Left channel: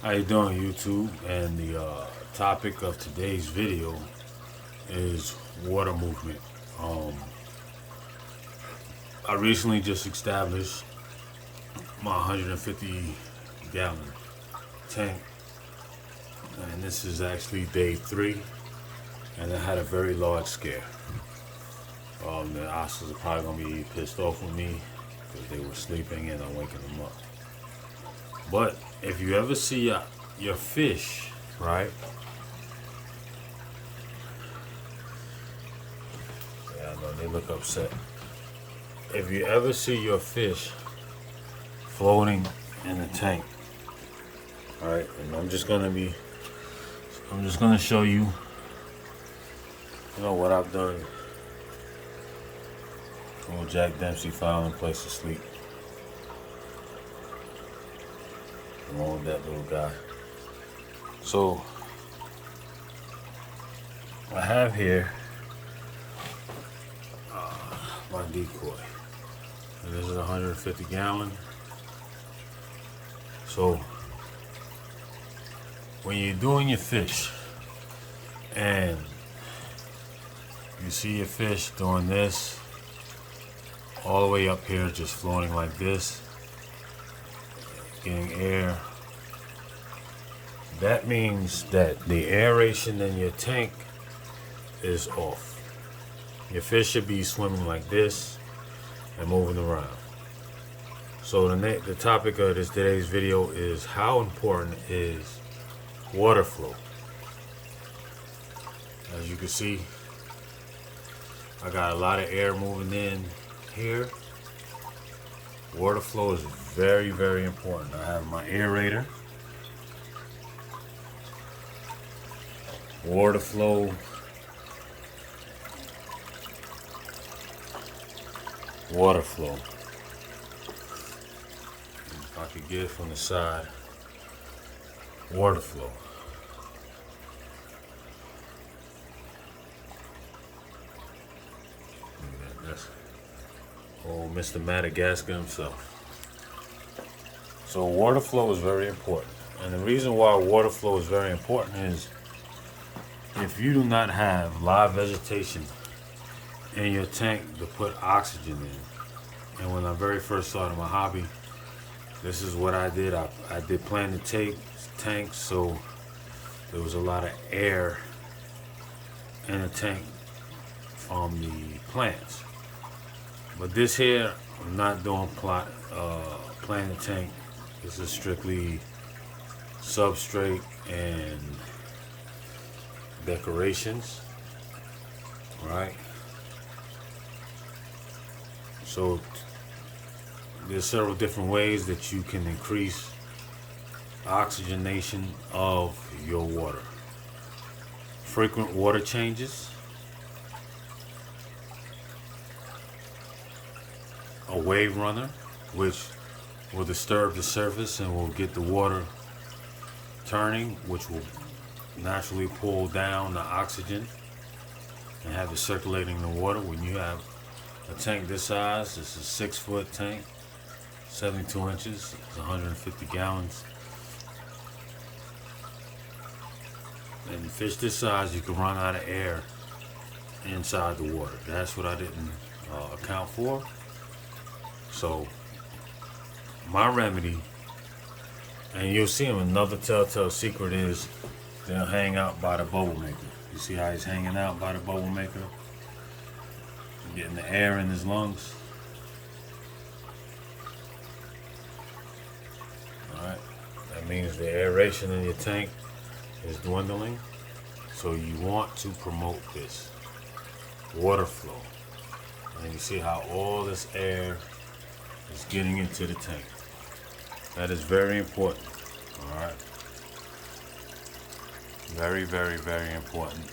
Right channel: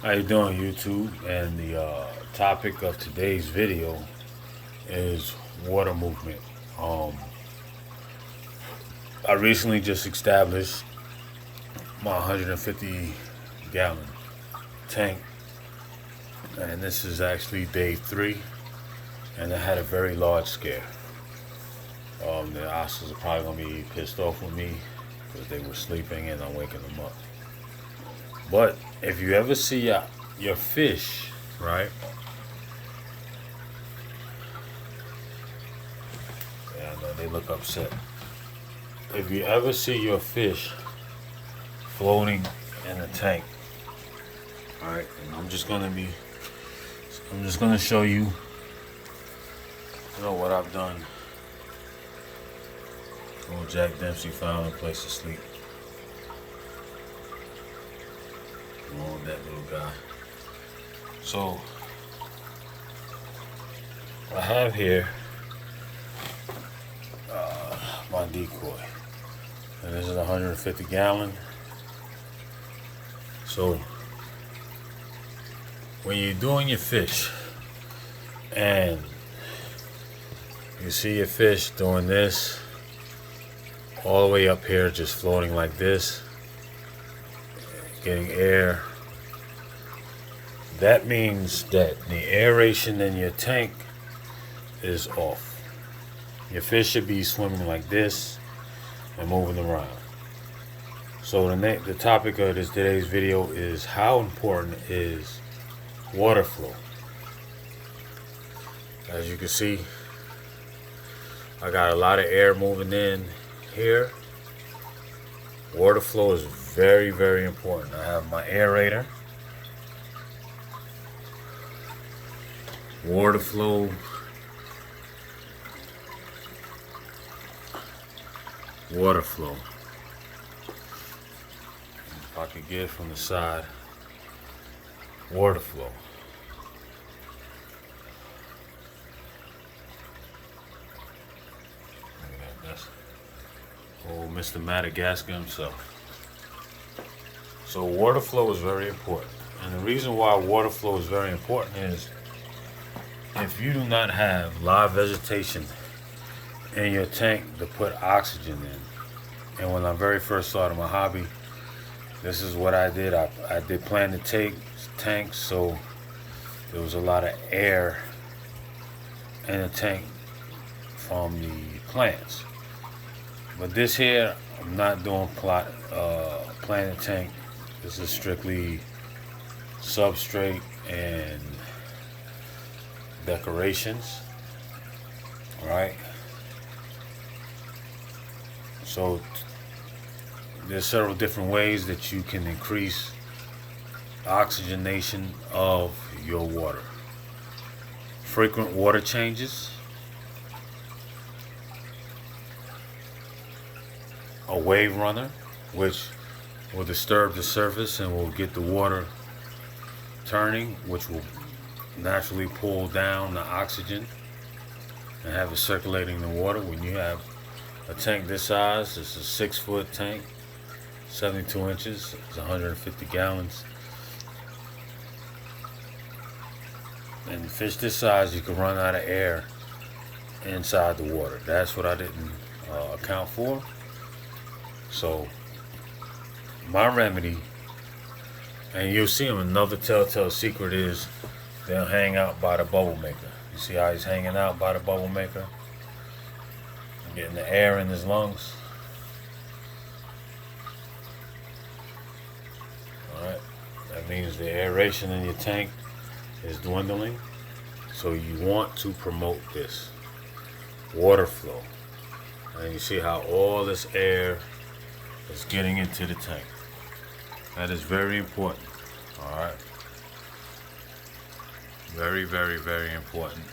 How you doing, YouTube? And the topic of today's video is water movement. Um, I recently just established my 150 gallon tank, and this is actually day 3, and I had a very large scare. The osses are probably gonna be pissed off with me because they were sleeping and I'm waking them up. But if you ever see your fish, right? Yeah, I know they look upset. If you ever see your fish floating in the tank, all right, and I'm just gonna show you, what I've done. Oh, Jack Dempsey found a place to sleep. Along with that little guy. So I have here my decoy, and this is 150 gallon. So when you're doing your fish and you see your fish doing this all the way up here, just floating like this, getting air, that means that the aeration in your tank is off. Your fish should be swimming like this and moving around. So the topic of today's video is how important is water flow. As you can see, I got a lot of air moving in here. Water flow is very, very important. I have my aerator. Water flow. Water flow. If I could get it from the side. Water flow. That's old Mr. Madagascar himself. So water flow is very important. And the reason why water flow is very important is if you do not have live vegetation in your tank to put oxygen in. And when I very first started my hobby, this is what I did. I did planted tanks, so there was a lot of air in the tank from the plants. But this here, I'm not doing planted tank. This is strictly substrate and decorations. All right. So there's several different ways that you can increase oxygenation of your water. Frequent water changes, a wave runner, which will disturb the surface and will get the water turning, which will naturally pull down the oxygen and have it circulating in the water. When you have a tank this size, it's a 6-foot tank, 72 inches, it's 150 gallons. And fish this size, you can run out of air inside the water. That's what I didn't account for. So my remedy, and you'll see them, another telltale secret is they'll hang out by the bubble maker. You see how he's hanging out by the bubble maker? Getting the air in his lungs. Alright, that means the aeration in your tank is dwindling. So you want to promote this water flow. And you see how all this air is getting into the tank. That is very important. Alright. Very, very, very important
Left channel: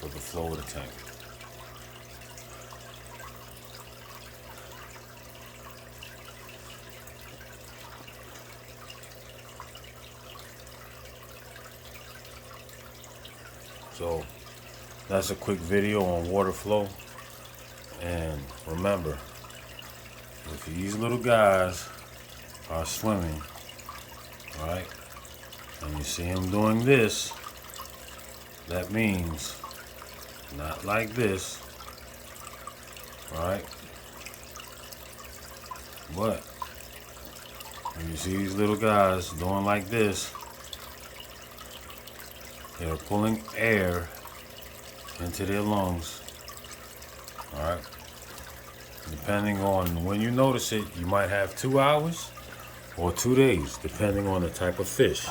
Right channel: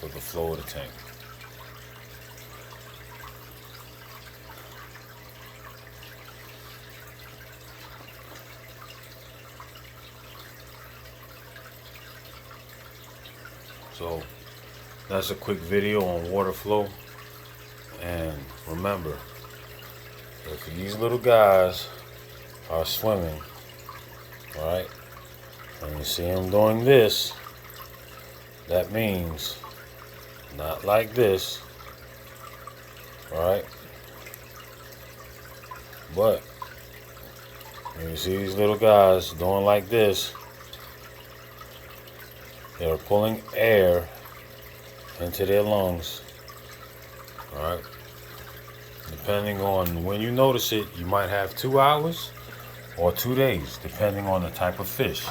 for the flow of the tank. So that's a quick video on water flow. And remember, if these little guys are swimming All right, and you see him doing this. That means not like this. All right, but when you see these little guys doing like this, they're pulling air into their lungs. All right. Depending on when you notice it, you might have 2 hours or 2 days, depending on the type of fish.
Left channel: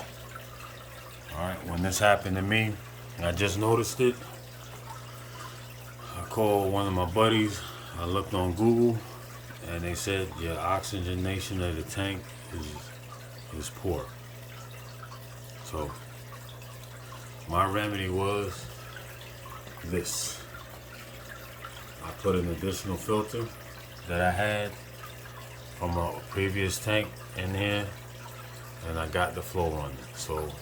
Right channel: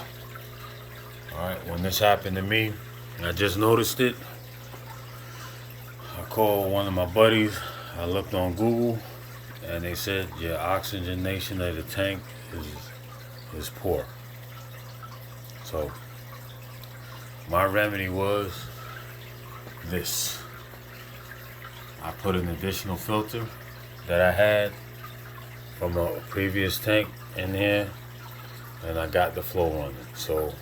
All right. When this happened to me, I just noticed it. I called one of my buddies. I looked on Google, and they said your oxygenation of the tank is poor. So my remedy was this. I put an additional filter that I had from a previous tank in here, and I got the flow running. So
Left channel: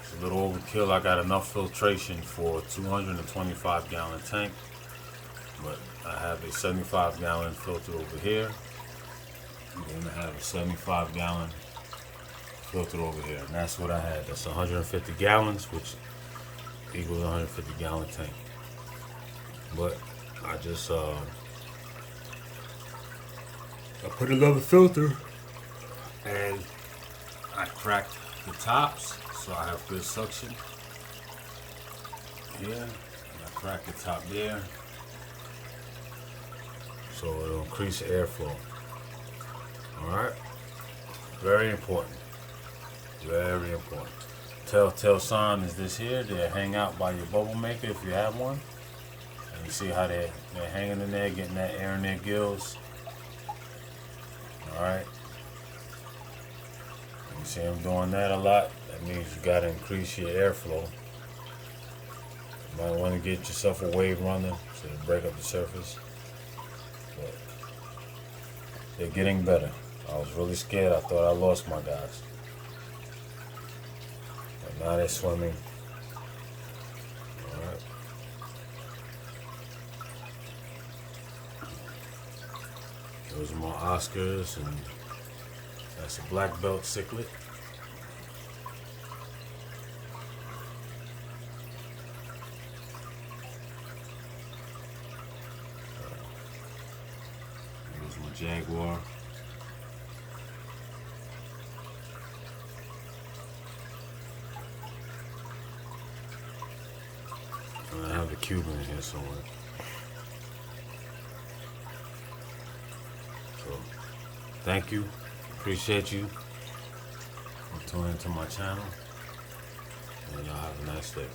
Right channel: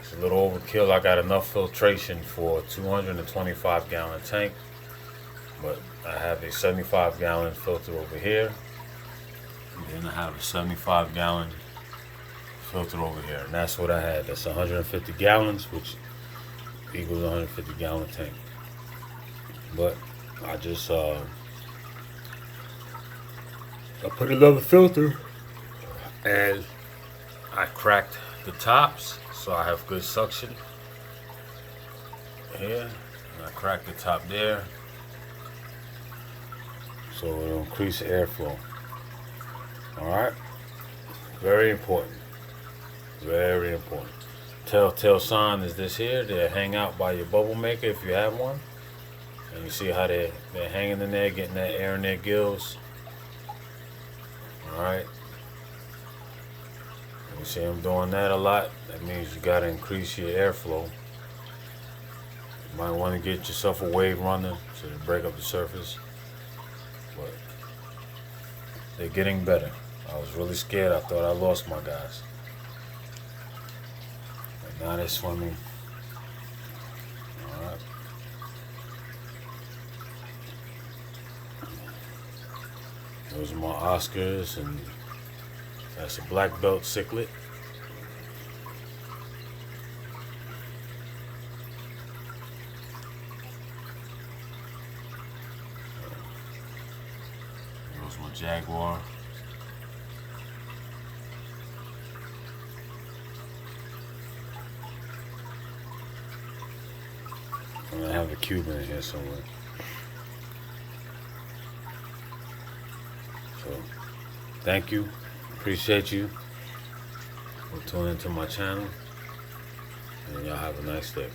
it's a little overkill. I got enough filtration for a 225 gallon tank, but I have a 75 gallon filter over here, and then I have a 75 gallon filter over here, and that's what I had. That's 150 gallons, which equals 150 gallon tank. But I just I put another filter, and I cracked the tops so I have good suction here, and I cracked the top there so it'll increase airflow. All right, very important, very important. Telltale sign is this here. They hang out by your bubble maker if you have one. And you see how they're hanging in there, getting that air in their gills. All right. And you see them doing that a lot. That means you got to increase your airflow. You might want to get yourself a wave runner so to break up the surface. But they're getting better. I was really scared. I thought I lost my guys. But now they're swimming. All right. Those are my Oscars, and that's a black belt cichlid. There's my jaguar. And I have the Cuban in here somewhere. So, thank you. Appreciate you for tuning into my channel. And y'all have a nice day.